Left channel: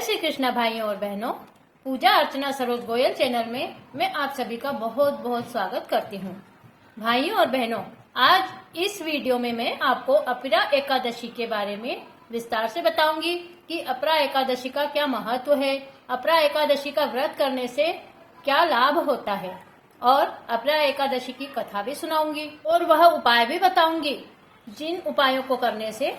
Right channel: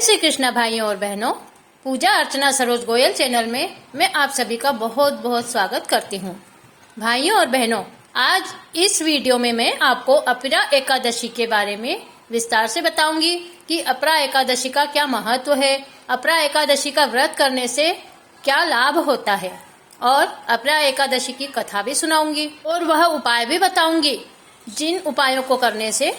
जय श्री कृष्णा भाइयों और बहनों। पूजा अर्चना सरोज गोयल चैनल में मैं आप सभी का बहुत बहुत स्वागत करती हूँ। भाइयों और बहनों, आज इस वीडियो में मैं आपको अपरा एकादशी के बारे में विस्तार से बताऊंगी कि अपरा एकादशी का क्या महत्व है, अपरा एकादशी का व्रत करने से क्या लाभ होता है और अपरा एकादशी की कथा भी सुनाऊंगी और वह उपाय भी बताऊंगी जिन उपायों को करने से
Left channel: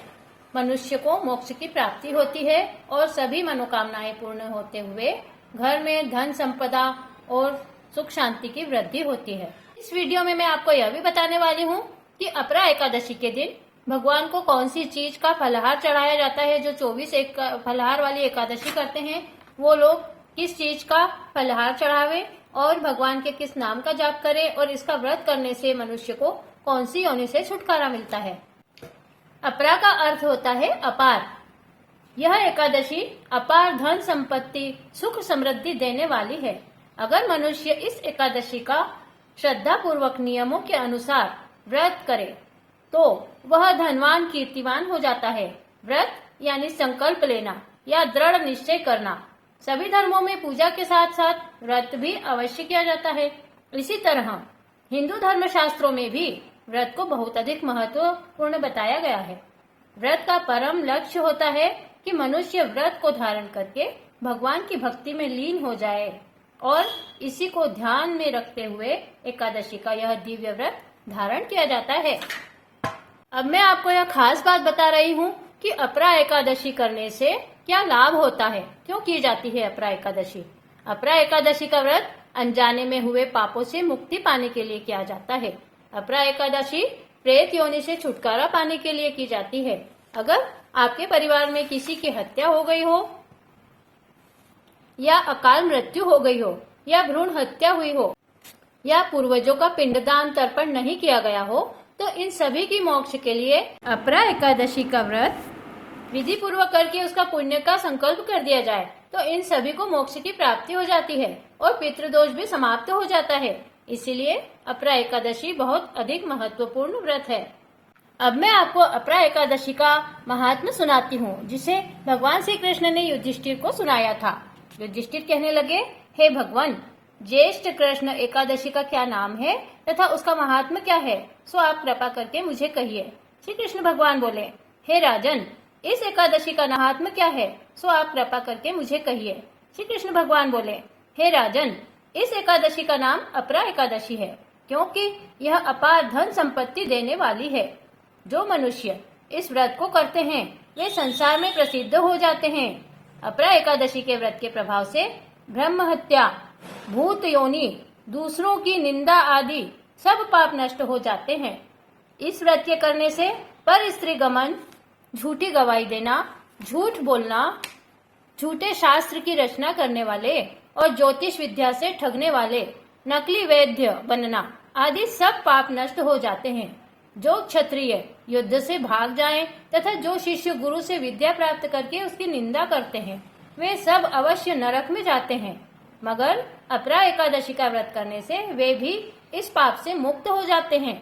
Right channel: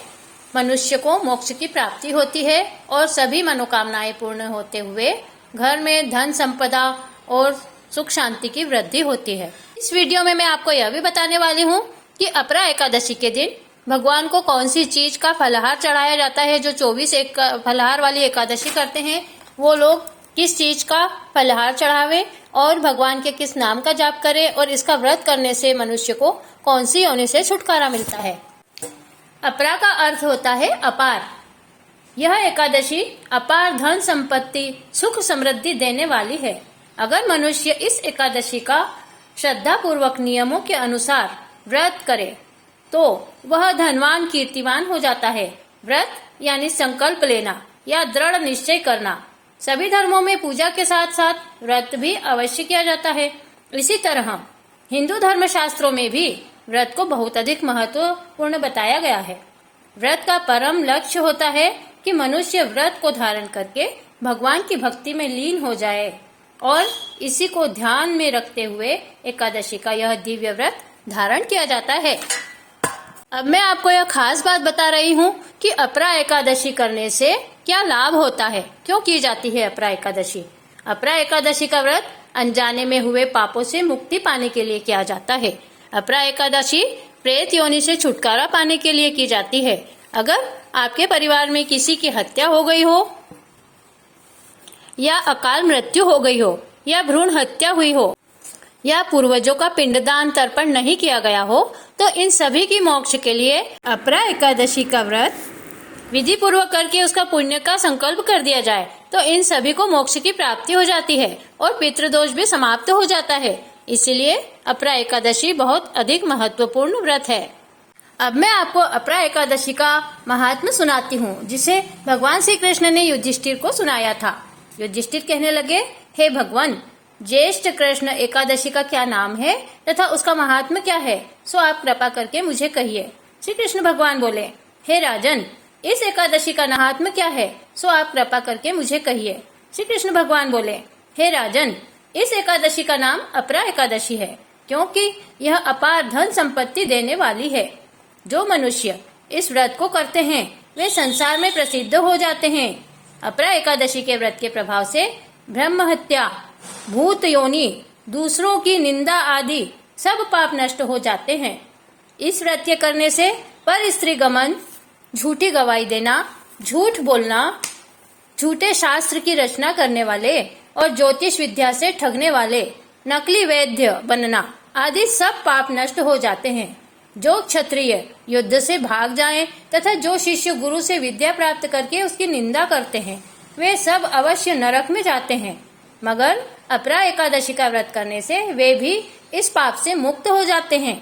मनुष्य को मोक्ष की प्राप्ति होती है और सभी मनोकामनाएं पूर्ण होते हुए घर में धन संपदा और सुख शांति की वृद्धि होती है। इस वीडियो में मैं आपको यह भी बताने वाली हूँ कि अपरा एकादशी के दिन भगवान को कौन सी चीज का फलाहार चढ़ाया जाता है। जो 24 फलाहार वाली एकादशी करते हैं वो लोग किस चीज का फलाहार चढ़ावे और भगवान के किस नाम का जाप करें और इसका व्रत करने से मनुष्य को कौन सी योनि से छुटकारा मिलता है। अपरा का अर्थ होता है अपार। यह एकादशी अपार धन संपत्ति सुख समृद्धि देने वाली है। अगर मनुष्य इस एकादशी का श्रद्धा पूर्वक नियमों के अनुसार व्रत करे तो वह धनवान कीर्तिवान हो जाता है। व्रत यानी संकल्प लेना या दृढ़ निश्चय करना। सभी धर्मों में पूजा के साथ साथ व्रत भी अवश्य किया जाता है। इसी तरह हिंदू धर्म शास्त्रों में भी व्रत को बहुत अधिक महत्वपूर्ण बताया गया है। व्रत का परम लक्ष्य होता है कि मनुष्य व्रत को धारण करके भगवान की भक्ति में लीन हो जाए और इसी को ध्यान में रखते हुए एकादशी का यह दिव्य व्रत धारण किया जाता है। अब मैं आपको यह खास बात बता रही हूँ कि अपरा एकादशी करने से क्या लाभ होता है, क्यों की जाती है अपरा एकादशी। अपरा एकादशी का व्रत अनजाने में हुए पापों से मुक्ति पाने के लिए किया जाता है। अपरा एकादशी प्रेत योनि से छुटकारा पाने के लिए की जाती है। अगर आपके परिवार में किसी की हत्या हो गई हो या अकाल मृत्यु हो गई हो या भ्रूण हत्या हुई हो या पूर्वजों का पिंडदान तर्पण नहीं किया गया हो तो इन सभी की मोक्ष के लिए अपरा एकादशी का व्रत विधि पूर्वक करके उसका पुण्य का संकल्प कर दिया जाए तो इन सभी को मोक्ष की प्राप्ति हो जाती है और पितृदोष भी समाप्त हो जाता है। इसीलिए अपरा एकादशी बहुत अधिक महत्वपूर्ण व्रत है। अब मैं आपको अपरा एकादशी का महात्म्य सुनाती हूँ जिसे भगवान श्री कृष्ण ने युधिष्ठिर को सुनाया था। युधिष्ठिर कहने लगे, हे भगवान, ज्येष्ठ कृष्ण एकादशी का क्या नाम है तथा उसका महात्म्य क्या है, सो आप कृपा करके मुझे कहिए। श्री कृष्ण भगवान बोले, हे राजन, इस एकादशी का महात्म्य क्या है, सो आप कृपा करके मुझे कहिए। श्री कृष्ण भगवान बोले, हे राजन, इस एकादशी का नाम अपरा एकादशी है क्योंकि यह अपार धन संपत्ति देने वाली है। जो मनुष्य इस व्रत को करते हैं वे संसार में प्रसिद्ध हो जाते हैं। अपरा एकादशी के व्रत के प्रभाव से ब्रह्म हत्या, भूत योनि, दूसरों की निंदा आदि सब पाप नष्ट हो जाते हैं। इस व्रत के करने से पर स्त्री गमन, झूठी गवाही देना, झूठ बोलना, झूठे शास्त्र की रचना करने वाले और ज्योतिष विद्या से ठगने वाले, नकली वैद्य बनना आदि सब पाप नष्ट हो जाते हैं। जो क्षत्रिय युद्ध से भाग जाएं तथा जो शिष्य गुरु से विद्या प्राप्त करके उसकी निंदा करते हैं वे सब अवश्य नरक में जाते हैं। मगर अपरा एकादशी का व्रत करने से वे भी इस पाप से मुक्त हो जाते हैं।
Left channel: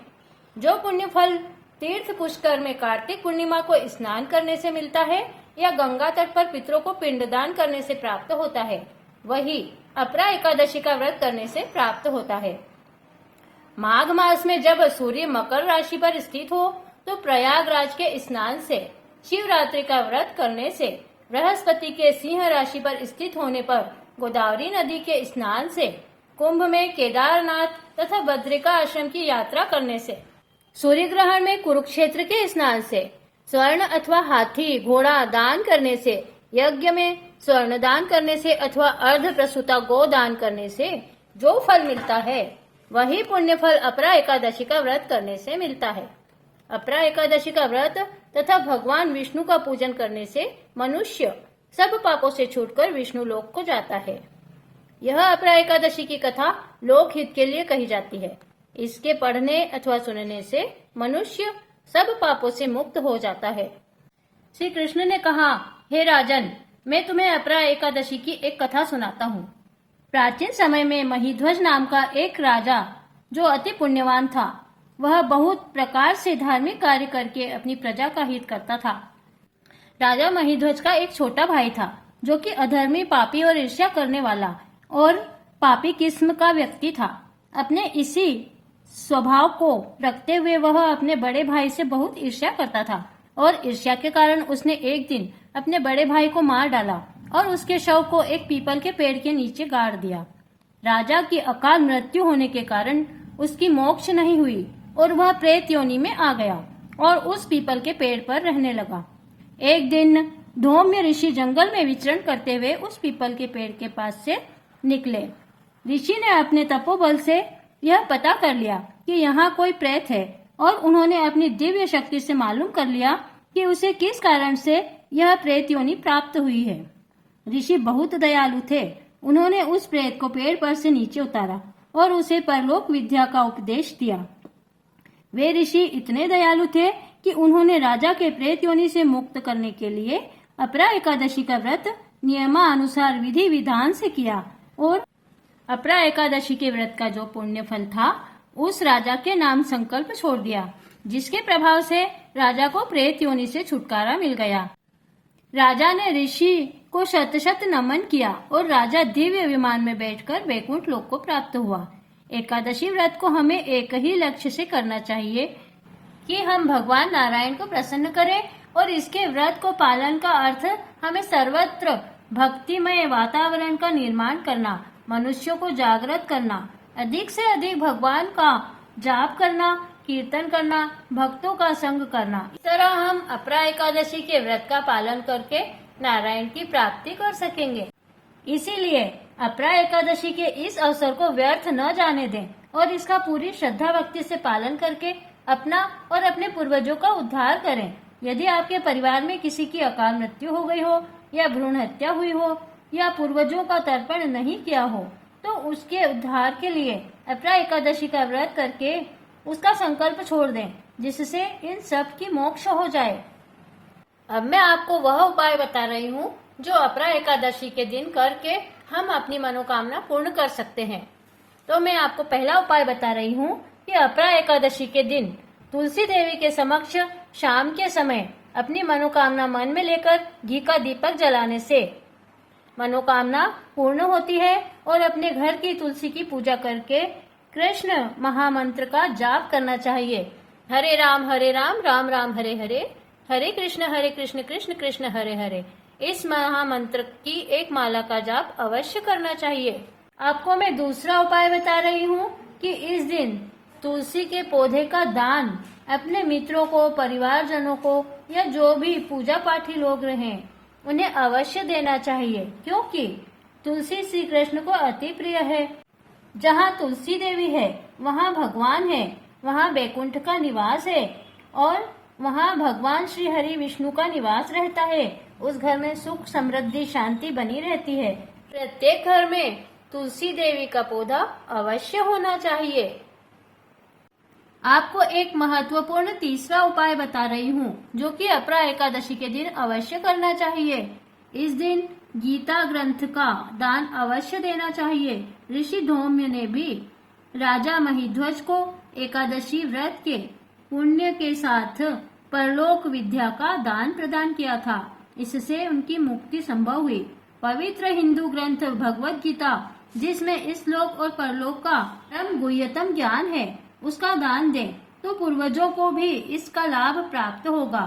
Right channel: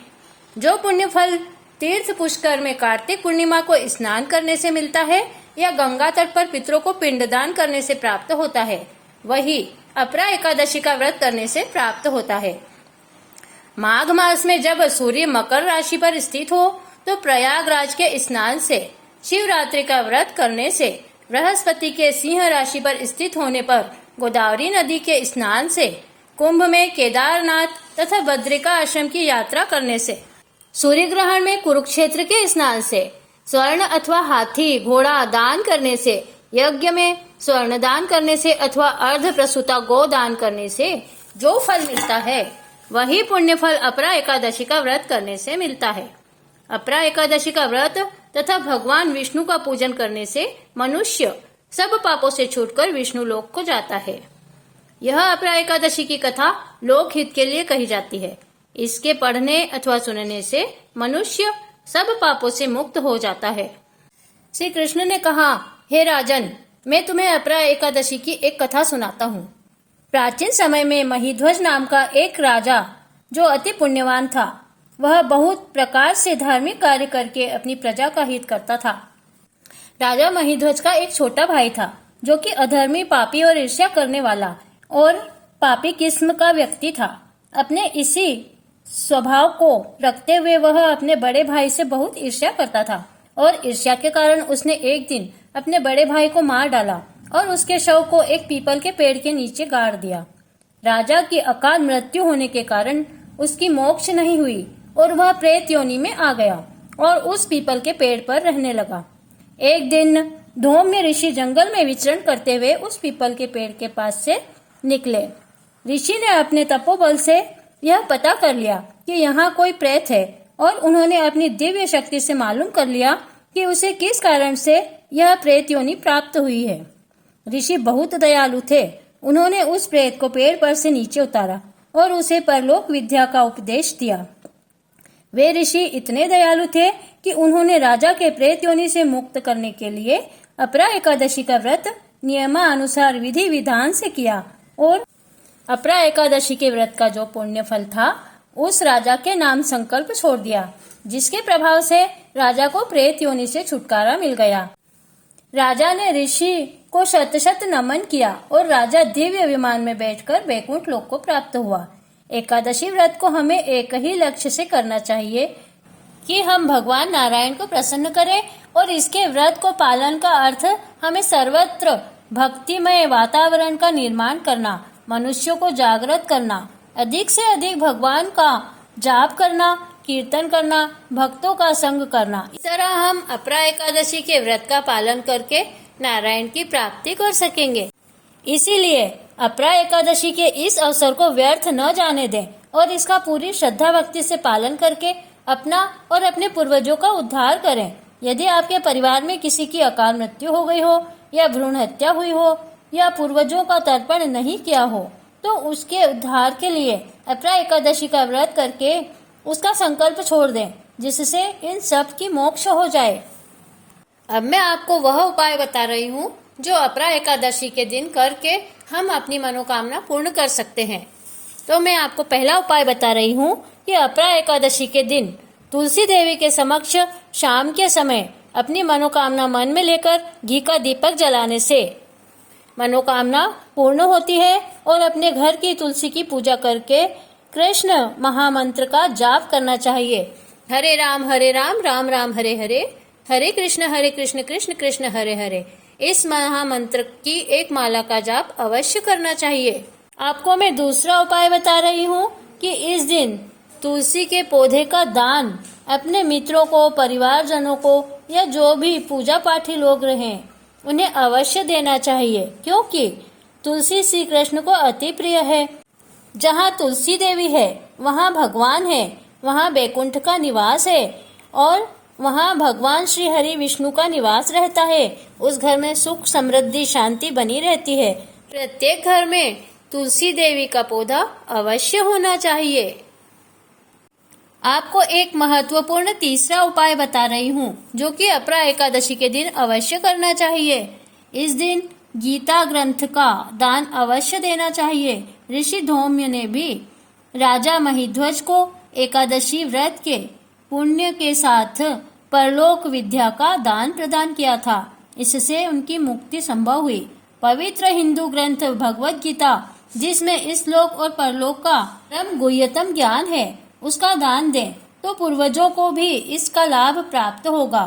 जो पुण्य फल तीर्थ पुष्कर में कार्तिक पूर्णिमा को स्नान करने से मिलता है या गंगा तट पर पितरों को पिंडदान करने से प्राप्त होता है वही अपरा एकादशी का व्रत करने से प्राप्त होता है। माघ मास में जब सूर्य मकर राशि पर स्थित हो तो प्रयागराज के स्नान से, शिवरात्रि का व्रत करने से, बृहस्पति के सिंह राशि पर स्थित होने पर, गोदावरी नदी के स्नान से, कुंभ में केदारनाथ तथा बद्रिका आश्रम की यात्रा करने से, सूर्य ग्रहण में कुरुक्षेत्र के स्नान से, स्वर्ण अथवा हाथी घोड़ा दान करने से, यज्ञ में स्वर्ण दान करने से अथवा अर्ध प्रसूता गो दान करने से जो फल मिलता है वही पुण्य फल अपरा एकादशी का व्रत करने से मिलता है। अपरा एकादशी का व्रत तथा भगवान विष्णु का पूजन करने से मनुष्य सब पापों से छूटकर विष्णु लोक को जाता है। यह अपरा एकादशी की कथा लोकहित के लिए कही जाती है। इसके पढ़ने अथवा सुनने से मनुष्य सब पापों से मुक्त हो जाता है। श्री कृष्ण ने कहा, हे राजन, मैं तुम्हें अपरा एकादशी की एक कथा सुनाता हूँ। प्राचीन समय में महिध्वज नाम का एक राजा जो अति पुण्यवान था, वह बहुत प्रकार से धार्मिक कार्य करके अपनी प्रजा का हित करता था। राजा महिध्वज का एक छोटा भाई था जो कि अधर्मी, पापी और ईर्ष्या करने वाला और पापी किस्म का व्यक्ति था। अपने इसी स्वभाव को रखते हुए वह अपने बड़े भाई से बहुत ईर्ष्या करता था और ईर्ष्या के कारण उसने एक दिन अपने बड़े भाई को मार डाला और उसके शव को एक पीपल के पेड़ के नीचे गाड़ दिया। राजा की अकाल मृत्यु होने के कारण उसकी मोक्ष नहीं हुई और वह प्रेत योनि में आ गया और उस पीपल के पेड़ पर रहने लगा। एक दिन धौम्य ऋषि जंगल में विचरण करते हुए उस पीपल के पेड़ के पास से निकले। ऋषि ने अपने तपोबल से यह पता कर लिया कि यहाँ कोई प्रेत है और उन्होंने अपनी दिव्य शक्ति से मालूम कर लिया कि उसे किस कारण से यह प्रेत योनि प्राप्त हुई है। ऋषि बहुत दयालु थे। उन्होंने उस प्रेत को पेड़ पर से नीचे उतारा और उसे परलोक विद्या का उपदेश दिया। वे ऋषि इतने दयालु थे कि उन्होंने राजा के प्रेत योनि से मुक्त करने के लिए अपरा एकादशी का व्रत नियमानुसार विधि विधान से किया और अपरा एकादशी के व्रत का जो पुण्य फल था उस राजा के नाम संकल्प छोड़ दिया, जिसके प्रभाव से राजा को प्रेत योनि से छुटकारा मिल गया। राजा ने ऋषि को शत शत नमन किया और राजा दिव्य विमान में बैठकर वैकुंठ लोक को प्राप्त हुआ। एकादशी व्रत को हमें एक ही लक्ष्य से करना चाहिए कि हम भगवान नारायण को प्रसन्न करें और इसके व्रत को पालन का अर्थ हमें सर्वत्र भक्तिमय वातावरण का निर्माण करना, मनुष्यों को जागृत करना, अधिक से अधिक भगवान का जाप करना, कीर्तन करना, भक्तों का संग करना। इस तरह हम अपरा एकादशी के व्रत का पालन करके नारायण की प्राप्ति कर सकेंगे। इसीलिए अपरा एकादशी के इस अवसर को व्यर्थ न जाने दें और इसका पूरी श्रद्धा भक्ति से पालन करके अपना और अपने पूर्वजों का उद्धार करें। यदि आपके परिवार में किसी की अकाल मृत्यु हो गई हो या भ्रूण हत्या हुई हो या पूर्वजों का तर्पण नहीं किया हो तो उसके उद्धार के लिए अपरा एकादशी का व्रत करके उसका संकल्प छोड़ दें, जिससे इन सब की मोक्ष हो जाए। अब मैं आपको वह उपाय बता रही हूँ जो अपरा एकादशी के दिन करके हम अपनी मनोकामना पूर्ण कर सकते हैं। तो मैं आपको पहला उपाय बता रही हूँ कि अपरा एकादशी के दिन तुलसी देवी के समक्ष शाम के समय अपनी मनोकामना मन में लेकर घी का दीपक जलाने से मनोकामना पूर्ण होती है और अपने घर की तुलसी की पूजा करके कृष्ण महामंत्र का जाप करना चाहिए। हरे राम राम राम हरे हरे, हरे कृष्ण कृष्ण कृष्ण हरे हरे। इस महामंत्र की एक माला का जाप अवश्य करना चाहिए। आपको मैं दूसरा उपाय बता रही हूँ कि इस दिन तुलसी के पौधे का दान अपने मित्रों को, परिवारजनों को या जो भी पूजा पाठी लोग रहें उन्हें अवश्य देना चाहिए, क्योंकि तुलसी श्री कृष्ण को अति प्रिय है। जहाँ तुलसी देवी है वहाँ भगवान है, वहाँ बैकुंठ का निवास है और वहाँ भगवान श्री हरि विष्णु का निवास रहता है। उस घर में सुख समृद्धि शांति बनी रहती है। प्रत्येक घर में तुलसी देवी का पौधा अवश्य होना चाहिए। आपको एक महत्वपूर्ण तीसरा उपाय बता रही हूँ जो कि अपरा एकादशी के दिन अवश्य करना चाहिए। इस दिन गीता ग्रंथ का दान अवश्य देना चाहिए। ऋषि धौम्य ने भी राजा महिध्वज को एकादशी व्रत के पुण्य के साथ परलोक विद्या का दान प्रदान किया था। इससे उनकी मुक्ति संभव हुई। पवित्र हिंदू ग्रंथ भगवत गीता, जिसमें इस लोक और परलोक का परम गुह्यतम ज्ञान है, उसका दान दें तो पूर्वजों को भी इसका लाभ प्राप्त होगा।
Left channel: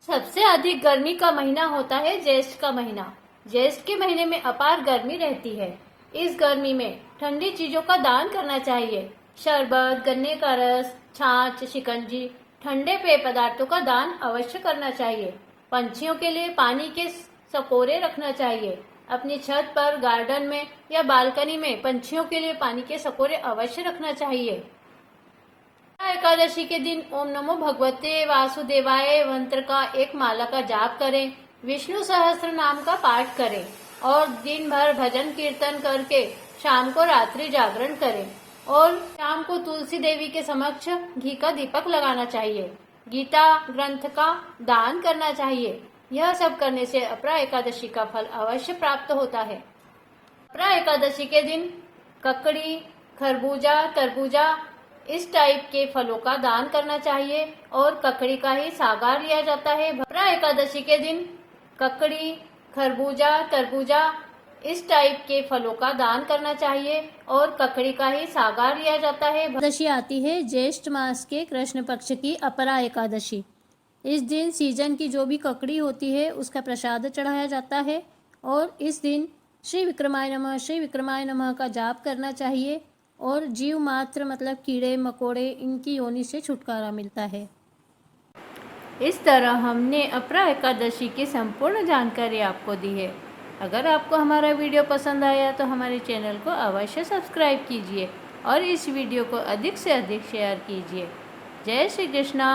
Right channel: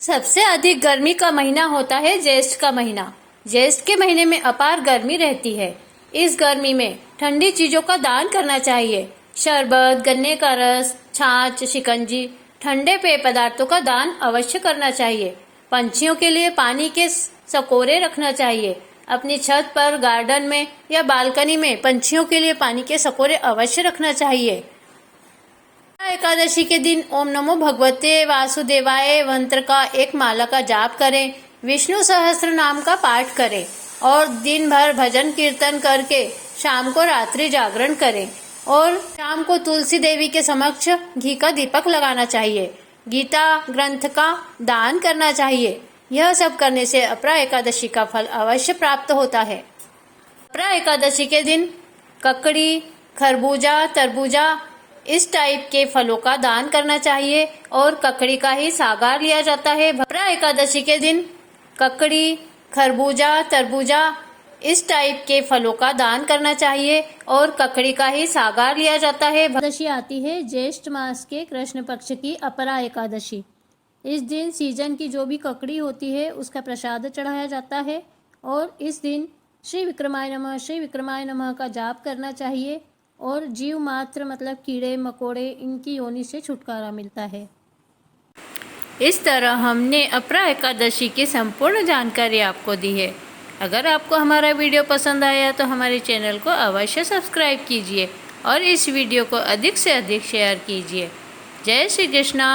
सबसे अधिक गर्मी का महीना होता है ज्येष्ठ का महीना। ज्येष्ठ के महीने में अपार गर्मी रहती है। इस गर्मी में ठंडी चीजों का दान करना चाहिए। शरबत, गन्ने का रस, छाछ, शिकंजी, ठंडे पेय पदार्थों का दान अवश्य करना चाहिए। पंछियों के लिए पानी के सकोरे रखना चाहिए। अपनी छत पर, गार्डन में या बालकनी में पंछियों के लिए पानी के सकोरे अवश्य रखना चाहिए। एकादशी के दिन ओम नमो भगवते वासुदेवाय मंत्र का एक माला का जाप करें। विष्णु सहस्त्र नाम का पाठ करें और दिन भर भजन कीर्तन करके शाम को रात्रि जागरण करें और शाम को तुलसी देवी के समक्ष घी का दीपक लगाना चाहिए। गीता ग्रंथ का दान करना चाहिए। यह सब करने से अपरा एकादशी का फल अवश्य प्राप्त होता है। अपरा एकादशी के दिन ककड़ी, खरबूजा, तरबूजा इस टाइप के फलों का दान करना चाहिए और ककड़ी का ही सागार लिया जाता है। अपरा एकादशी के दिन ककड़ी, खरबूजा, तरबूजा इस टाइप के फलों का दान करना चाहिए और ककड़ी का ही सागार लिया जाता है। एकादशी आती है ज्येष्ठ मास के कृष्ण पक्ष की अपरा एकादशी। इस दिन सीजन की जो भी ककड़ी होती है उसका प्रसाद चढ़ाया जाता है और इस दिन श्री विक्रमाय नमः का जाप करना चाहिए और जीव मात्र मतलब कीड़े मकोड़े इनकी योनि से छुटकारा मिलता है। इस तरह हमने अपरा एकादशी की संपूर्ण जानकारी आपको दी है। अगर आपको हमारा वीडियो पसंद आया तो हमारे चैनल को अवश्य सब्सक्राइब कीजिए और इस वीडियो को अधिक से अधिक शेयर कीजिए। जय श्री कृष्णा।